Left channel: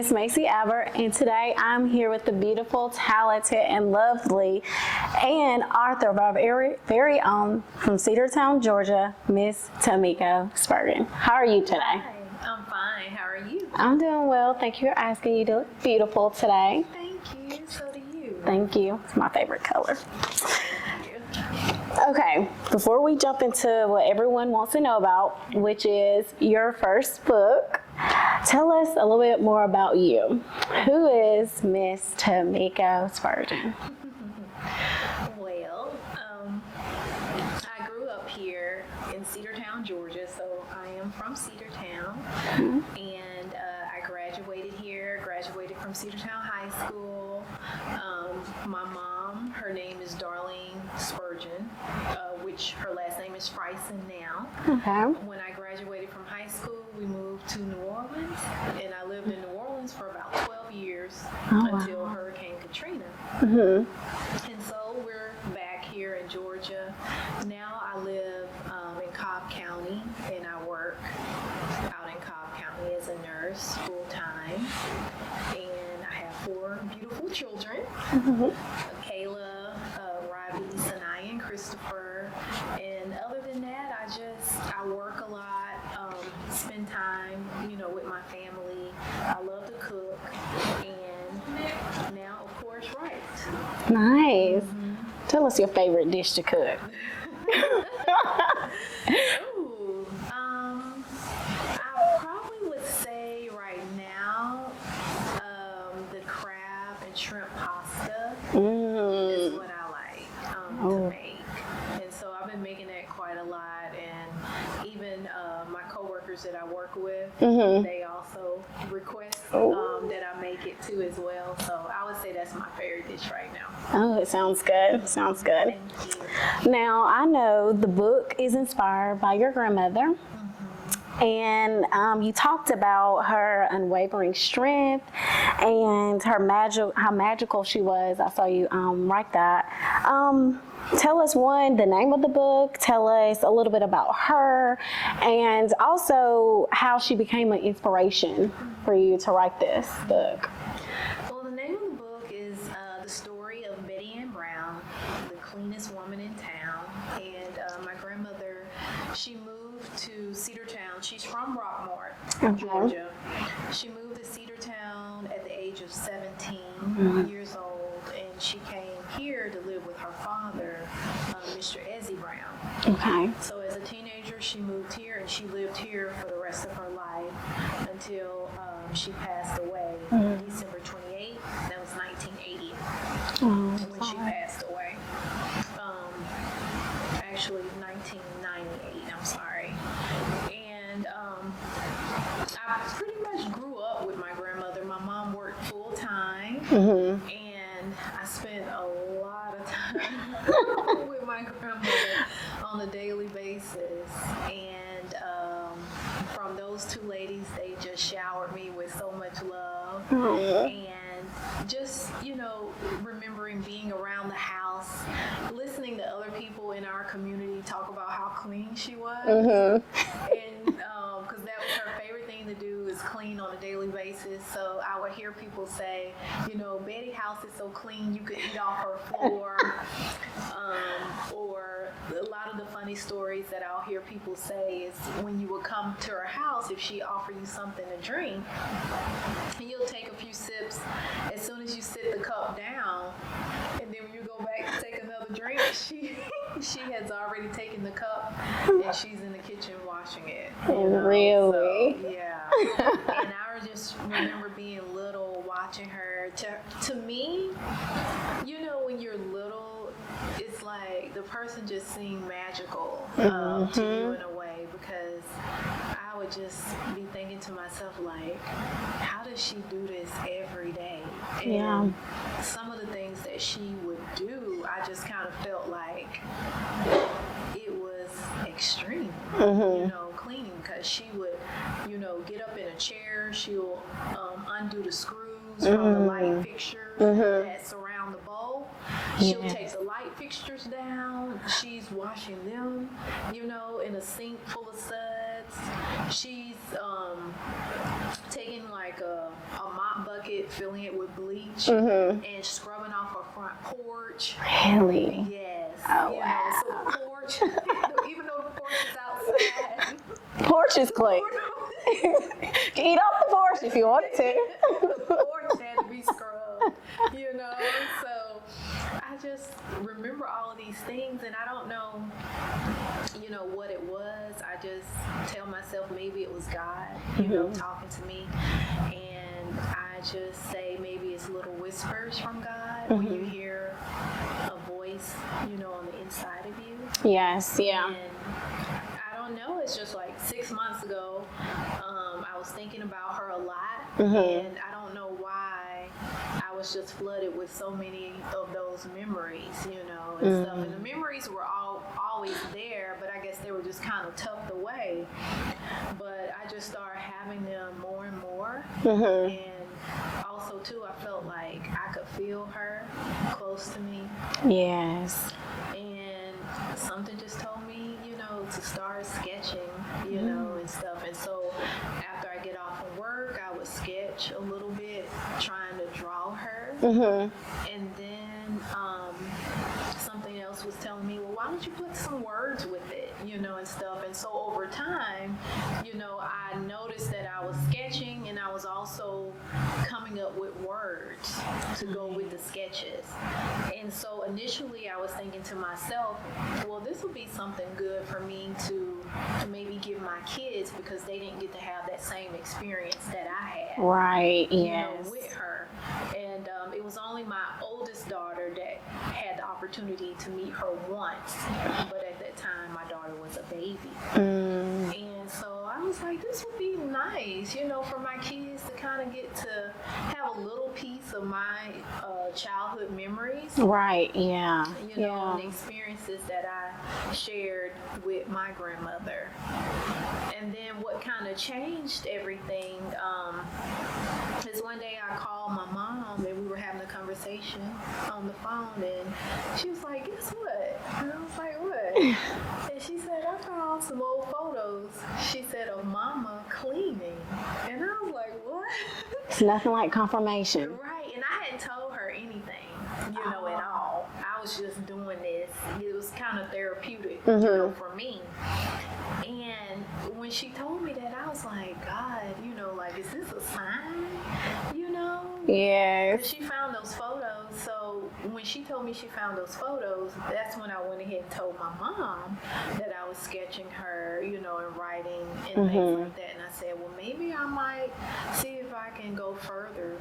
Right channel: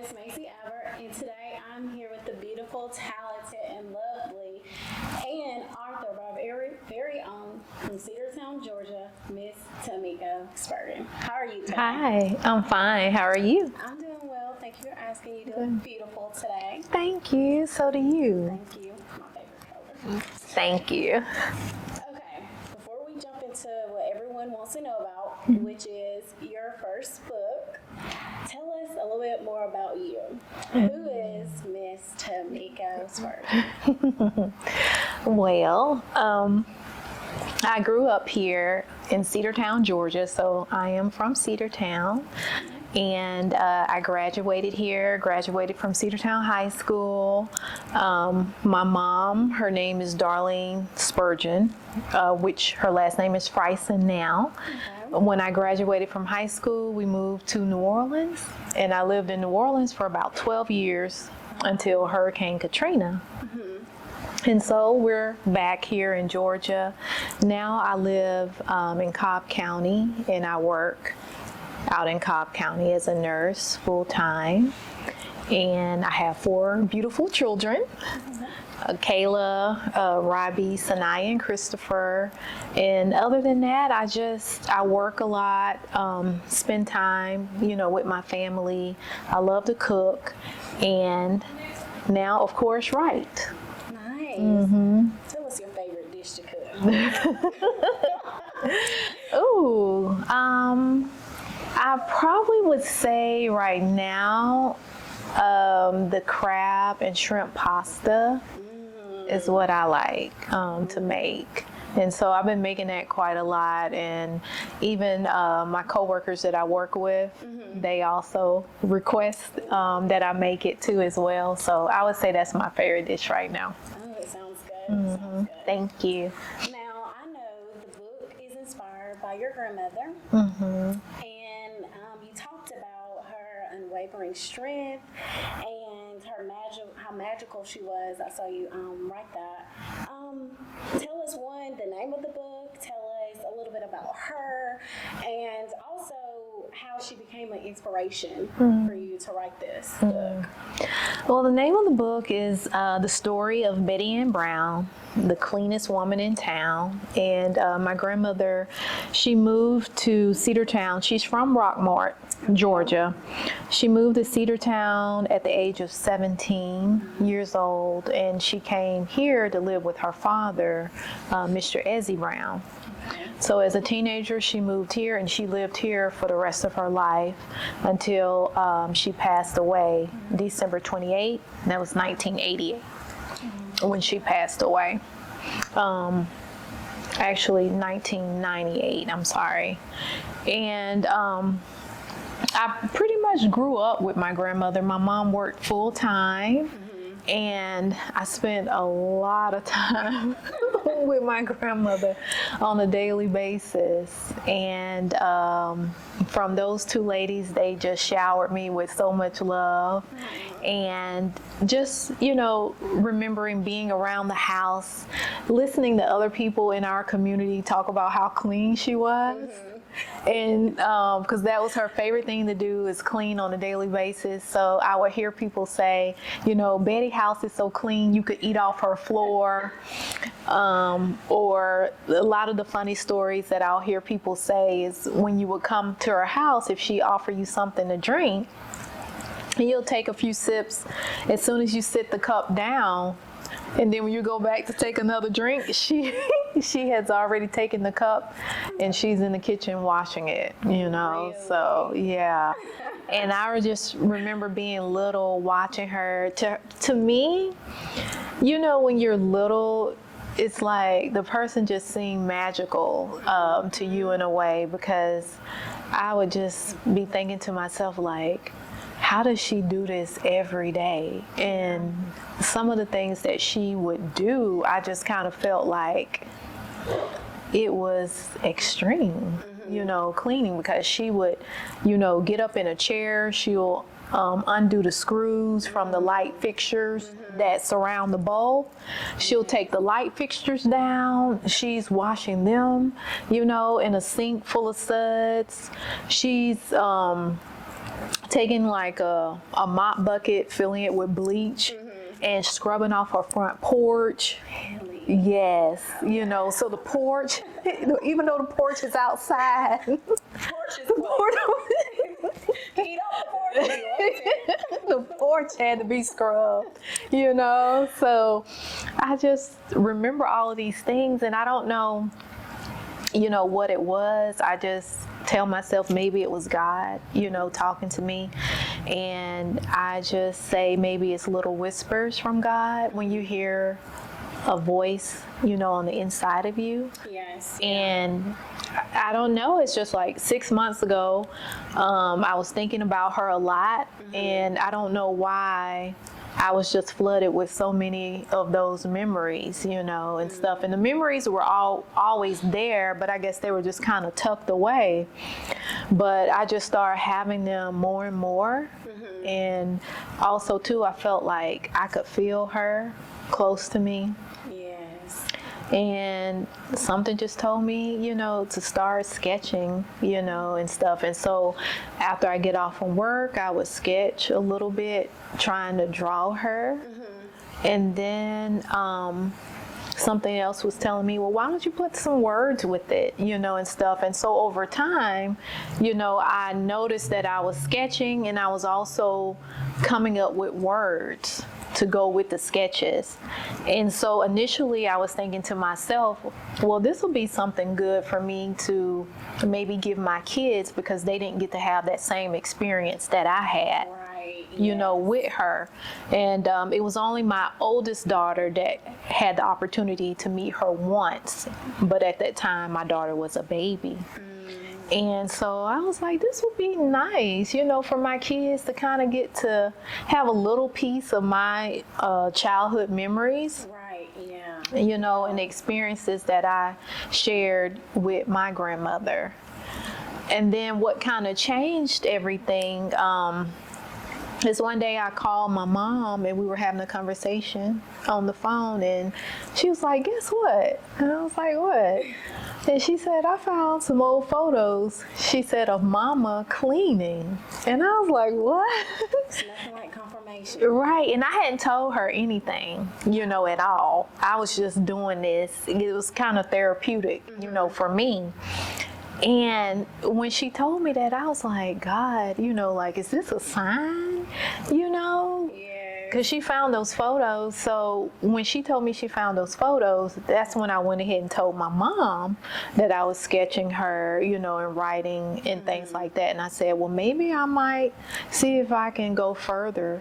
is Macy Albert, and today I'm here with the beautiful, talented, and lovely, and author of our very own from Cedartown, Georgia, Miss Temiko Spurgeon. How are you today? Hi, I'm fine. How are you? I'm doing well. Thank you for asking. You look beautiful today. Thank you. So do you. Thank you. It's my favorite color. Thank you. Okay, before we jump into what everyone wants to know about, which is your first book, tell us a little bit more about you. Who is Miss Temiko Spurgeon? Well, I grew up here in Cedartown, Georgia, so I am from Cedartown, and I graduated here, graduated from Cedartown High School. My mom, her name is Darlene Spurgeon, which her last name is Friesen now. Okay. When I graduated from high school, we moved to New Orleans, and I lived in New Orleans for about 12 years until Hurricane Katrina. And so we're back here in Georgia. Now I live in Cobb County, and I work out in Cobb County as a nurse full-time. And I have 4 beautiful children, Kayla, Robbie, Sanaya, and Christopher. And other than that, I work a lot, spend time, with my family. I love to cook, and now, of course, write. Nice. Tell us your favorite dish to cook. Ooh, I probably would say right now, the crab and shrimp pasta is what I like to make. And so I've been making that quite a lot, and even my coworkers that I work with, they also request that I make it too as well. So I would say that's my favorite dish right now. Oh, it sounds good. Sounds good. Thank you. Now, I know the book is inspired by your grandmother, and you talked about her unwavering strength and her how magical she was. I saw you write that. Tell us, the name of the book, tell us a little bit about her, and also how she became an inspiration for you to write this book. Well, the name of the book is The Story of Betty Ann Brown, the cleanest woman in town. And my grandmother, she moved to Cedartown. She's from Rockmart, Georgia. She moved to Cedartown at the age of 17 years old, and she came here to live with her father, Mr. Ezzie Brown. Okay. So as a teenager, she moved here, and she lived here for the rest of her life until she passed away December 28th. That was 1980 when she passed away. Actually, 1998, I'm sorry. And I pretty much grew up with my grandmother. My mom worked full time, and I spent a lot of time with my grandmother on a daily basis. And from those 2 ladies, they just showered me with so much love. And just, remembering being around the house, listening to other people in our community talk about how clean she was. And because that was her favorite thing to do, is clean on a daily basis. So I would hear people say, Betty's house is so clean you could eat off her floor. Or a lot of the funny stories that I'll hear people say is when you would come to her house, if she offered you something to drink, and you'll take a few sips, as soon as you sit the cup down, and then when you go back to take another drink, she has already taken the cup, and she's in the kitchen washing it, Really? So, yeah. And I just remember being little, watching her. To me, when you're little, it's like the person just seemed magical to you in a way, because I would just be thinking to myself, like, how does she do this every day? And some of the things that she would do, I just kind of felt like it was extreme, cleaning, because she would, get up in a chair, she'll undo the screws from the light fixtures that surround the bowl. She'll take the light fixtures down. She's washing them, in a sink full of suds. She's taking like a mop bucket, filling it with bleach, and scrubbing off her front porch. Really? Yes. Oh, you know, so the porch, even though the porch is outside, Porch is clean. Eat off the porch if you want to. the porch had to be scrubbed, you know. So I just remember all of these things, and I don't know, you know, what it was. I just tell myself maybe it was God, you know, talking to me. And I just say maybe it's little whispers from God when you hear a voice, you know, on the inside of you. Yes. Yeah. And I don't know, it's just like 6 months ago, I was thinking about her a lot, and I don't know why I was just flooded with so many of those memories, you know, and stuff. And the memories were always there, but I guess they were just kind of tucked away. But I just started having them more and more. And also, too, I felt like I could feel her close to me. Yes. And something just told me, you know, to start sketching, you know, and stuff. And so after I get off from work, I would sketch a little bit, trying to draw her. And then something else was telling me, well, why don't you put some words with it, you know, and stuff. And so over time, you know, I noticed that I was sketching, and I was also coming up with words to go with the sketches. And so initially I was thinking to myself, well, this will be something good for me to maybe give my kids, because they didn't get to have that same experience that I had. Right. You know, with her. And it was only my oldest daughter that had the opportunity to meet her once. But at that time, my daughter was a baby. And so I was like, this would be nice, you know, for my kids to kind of get to have a little piece of my childhood memories. Right. Yeah. You know, and the experiences that I shared with my grandmother. And then what kind of changed everything is one day I called my mom, and we were having a conversation on the phone, and she was like, guess what? And I was like, what? And she said, I found some old photos, she said, of Mama cleaning. And I was like, what? It's nothing like confirmation. Right. And I hadn't told her anything, you know, at all. I was just doing this. It was kind of therapeutic, you know, for me. And when she told me that, I was like, God, you know, like, is this a sign? You know? Yeah. Because she found those photos. So when she told me she found those photos, that's when I went ahead and told my mom that I was sketching her, you know, and writing and things like that. And I said, well, maybe I might see if I can go further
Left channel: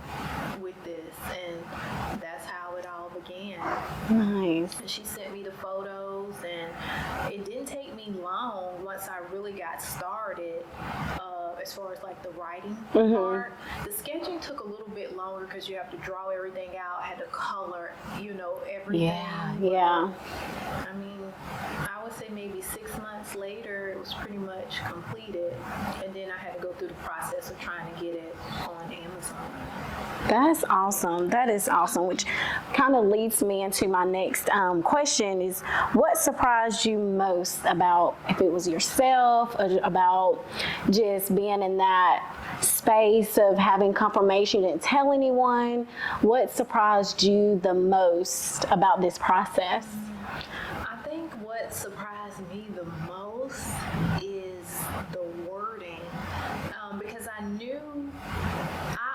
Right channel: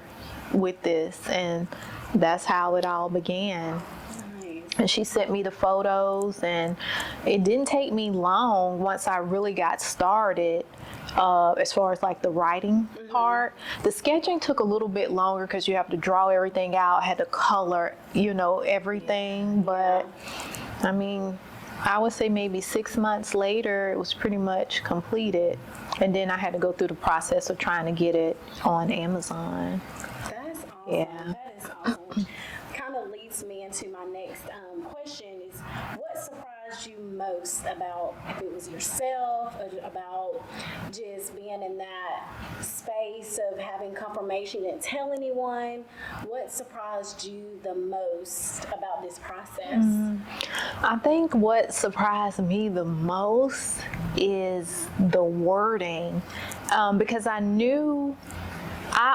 with this. And that's how it all began. Nice. And she sent me the photos, and it didn't take me long once I really got started, as far as like the writing part. The sketching took a little bit longer because you have to draw everything out, had to color, you know, everything. But I mean, I would say maybe 6 months later, it was pretty much completed. And then I had to go through the process of trying to get it on Amazon. That's awesome. That is awesome, which kind of leads me into my next question is, what surprised you most about, if it was yourself, or about just being in that space of having confirmation and tell anyone? What surprised you the most about this process? I think what surprised me the most is the wording, because I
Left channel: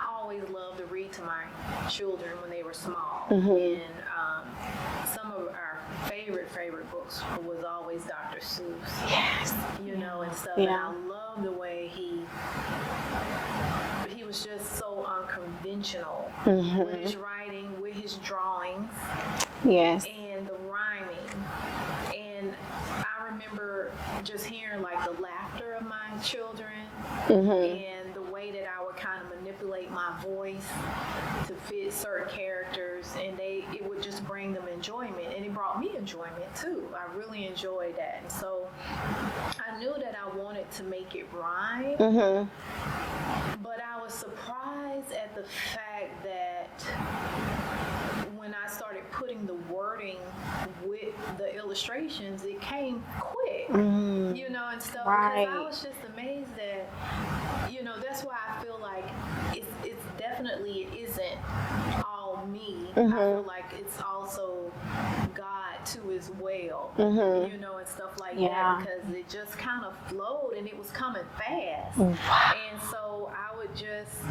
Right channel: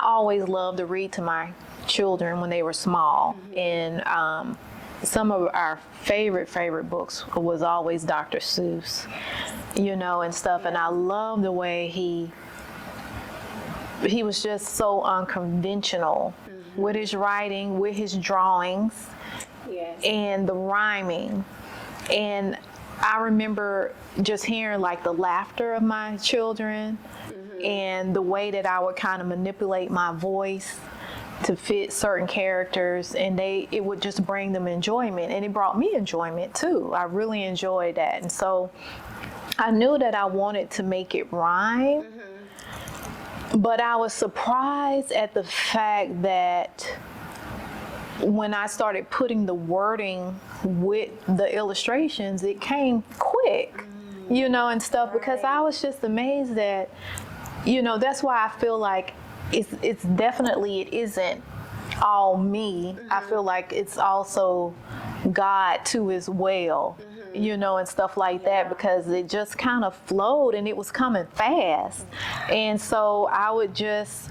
always loved to read to my children when they were small, and some of our favorite books was always Dr. Seuss, you know, and stuff. And I love the way he was just so unconventional with his writing, with his drawings, and the rhyming. And I remember just hearing like the laughter of my children and the way that I would kind of manipulate my voice to fit certain characters, and it would just bring them enjoyment, and it brought me enjoyment too. I really enjoyed that. And so I knew that I wanted to make it rhyme, but I was surprised at the fact that when I started putting the wording with the illustrations, it came quick, you know, and stuff, because I was just amazed that that's why I feel like it's definitely, it isn't all me. I feel like it's also God too as well, and stuff like that, because it just kind of flowed and it was coming fast. And so I would just,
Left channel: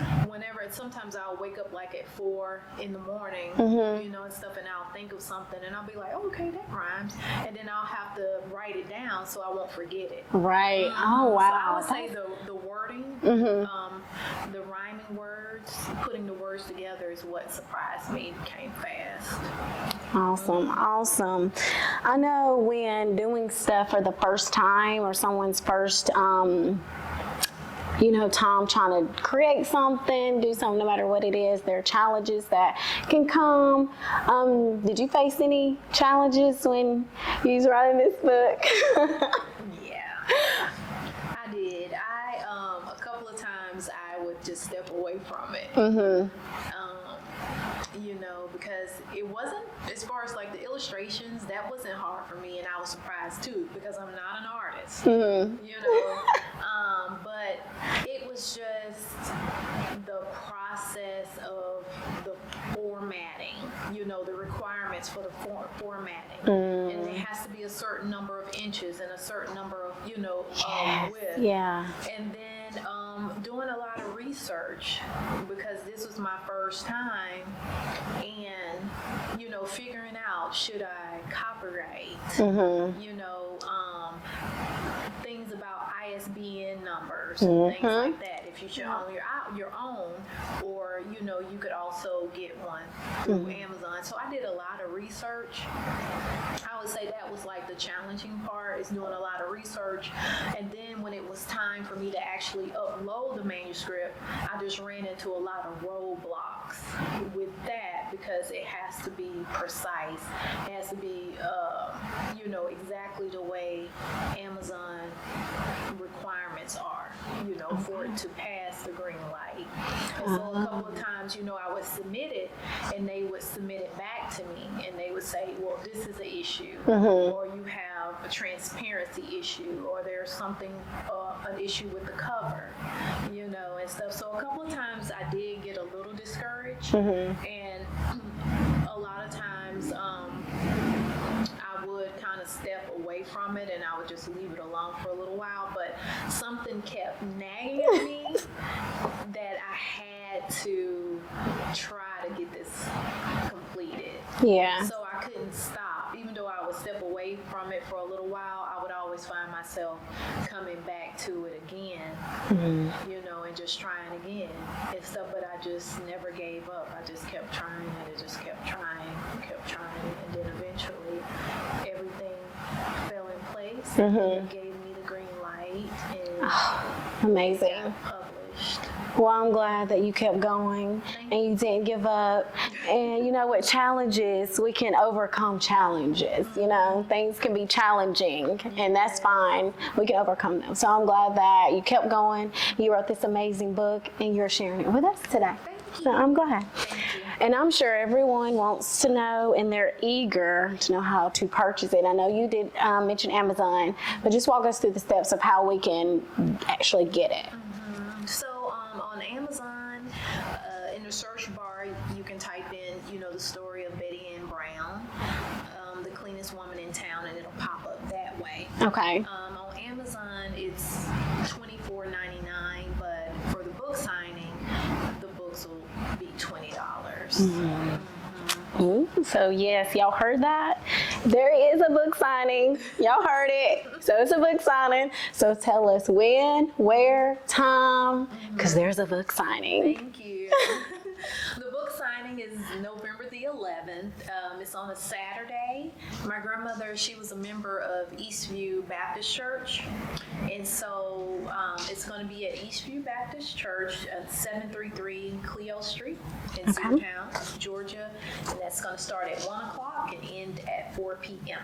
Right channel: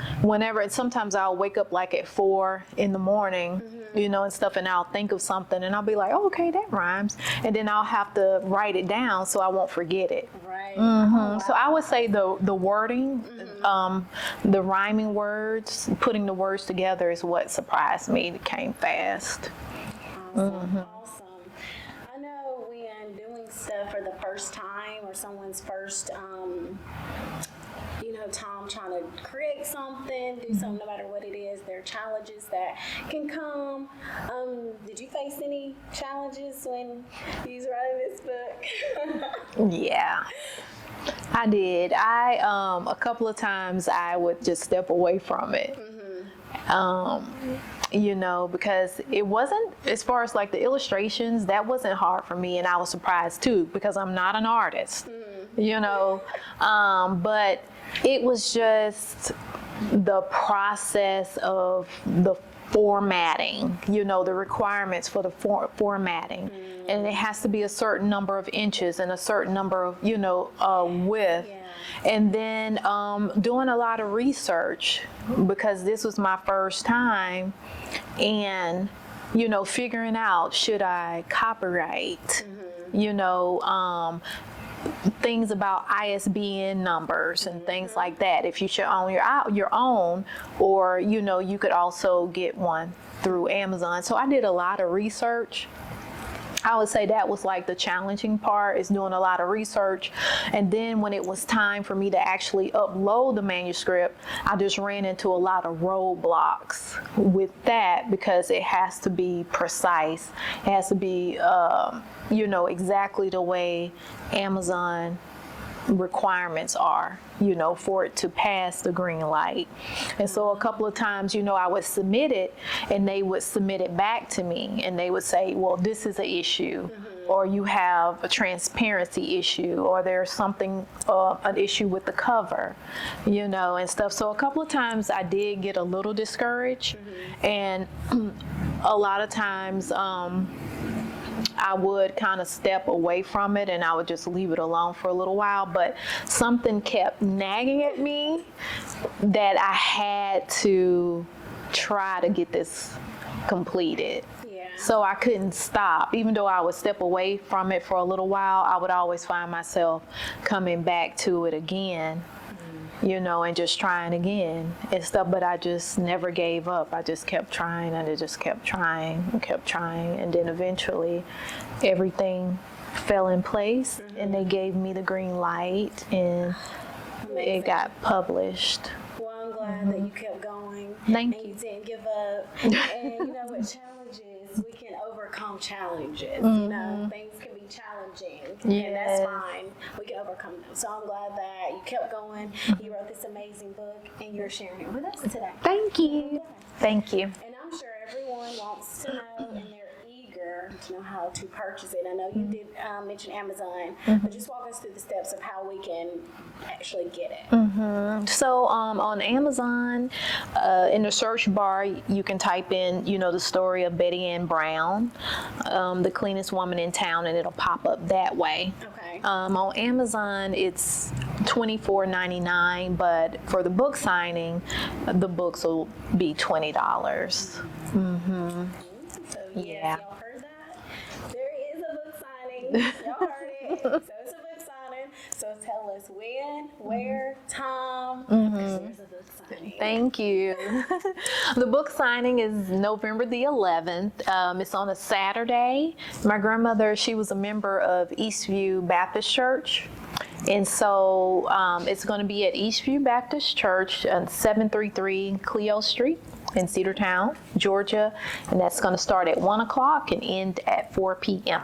sometimes I'll wake up like at 4 in the morning, and stuff, and I'll think of something and I'll be like, oh, okay, that rhymes. And then I'll have to write it down so I won't forget it. Right. Oh, wow. So I would say the wording, the rhyming words, putting the words together is what surprised me. It came fast. Awesome, awesome. I know when doing stuff for the first time or someone's first, time trying to create something, do something, no matter what it is, there are challenges that can come. Did you face any challenges when you was writing this book? Yeah. I did. A couple of times I would just step away from it. Because it wasn't, as far as like the illustrations, that wasn't hard for me, and I was surprised too, because I'm not an artist, but it was just the process of the formatting, the requirements for the formatting. And it has to be a certain number of inches and a certain number of, width. Yeah. And then doing a lot of research, because this was my first time, and figuring out, should I copyright, things about ISBN numbers and things like that. If you should own your own, or you could also get one through Amazon. So I did a lot of research. I would say that was like the challenging part, is doing a lot of research. And then when it was time for me to actually upload the manuscript, I just ran into a lot of roadblocks with that, because it has to be precise. It has to be, exactly the way Amazon requirements are, for it to pass the green light. And so a couple of times, I would submit it, and they would submit it back to me, and they would say, well, this is an issue, or you have a transparency issue, or there's something, an issue with the cover, and stuff. So a couple of times I did get a little discouraged, and a lot of times, I would kind of step away from it, and I would just leave it alone for a little while. But something kept nagging at me that I had to try to get this completed. Yeah. So I couldn't stop. Even though I would step away from it for a little while, I would always find myself coming back to it again, and just trying again and stuff. But I just never gave up. I just kept trying, and I just kept trying and kept trying. And then eventually everything fell in place, and they gave me the green light, and it got published. Well, I'm glad that you kept going and you didn't give up. And with challenges, we can overcome challenges. Things can be challenging, and that's fine. We can overcome them. So I'm glad that you kept going. You wrote this amazing book, and you're sharing it with us today. Thank you. So I'm glad. Thank you. And I'm sure everyone wants to know, and they're eager to know how to purchase it. I know you did mention Amazon, but just walk us through the steps of how we can actually get it. So on Amazon, in the search bar, you can type in, the story of Betty Ann Brown, the cleanest woman in town, and it'll pop up that way. Okay. On Amazon, it's $24.99, but for the book signing, the books will be $20. So yes, y'all heard that? There is a book signing. Y'all heard it. So it's a book signing. So tell us when, where, time, because there's a book signing. Thank you. The book signing is November the 11th. It's on a Saturday. My grandmother, she was a member of Eastview Baptist Church. And so it's going to be at Eastview Baptist Church on 733 Cleo Street in Cedartown, Georgia. And that's going to start at 1 o'clock and end at 4 p.m.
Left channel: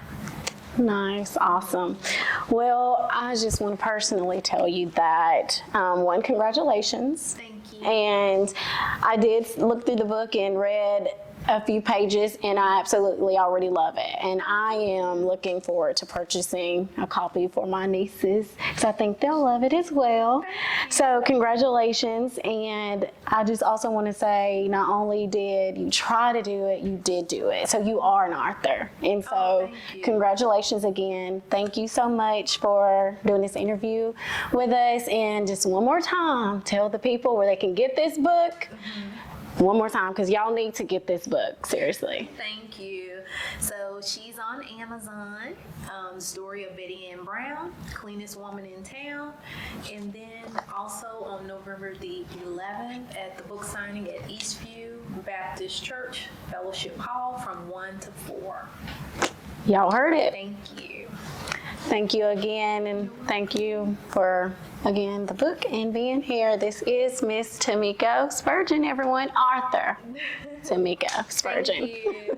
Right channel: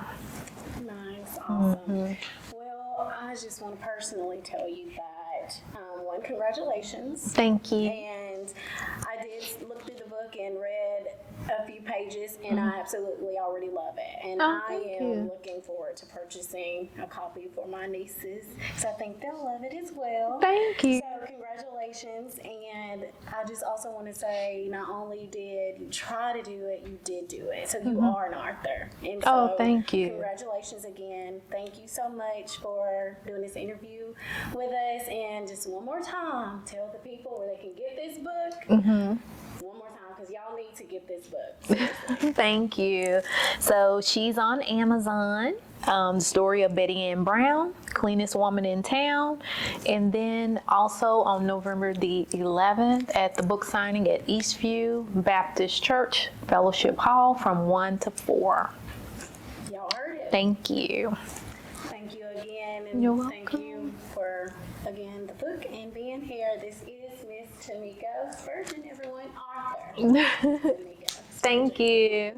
Nice. Awesome. Well, I just want to personally tell you that, congratulations. Thank you. And I did look through the book and read a few pages, and I absolutely already love it. And I thank am you. looking forward to purchasing a copy for my nieces, because I think they'll love it as well. Thank you. So congratulations. And I just also want to say, not only did you try to do it, you did do it. So you are an author. And so Oh, thank you. congratulations again. Thank you so much for doing this interview with us. And just one more time, tell the people where they can get this book. One more time, because y'all need to get this book, seriously. Thank you. So she's on Amazon. The story of Betty Ann Brown, Cleanest Woman in Town. And then also on November the 11th at the book signing at Eastview Baptist Church Fellowship Hall from 1 to 4. Y'all heard it. Thank you. Thank you again, You're and welcome. thank you for, again, the book and being here. This is Miss Temiko Spurgeon, everyone. Author Temiko Spurgeon. Thank you.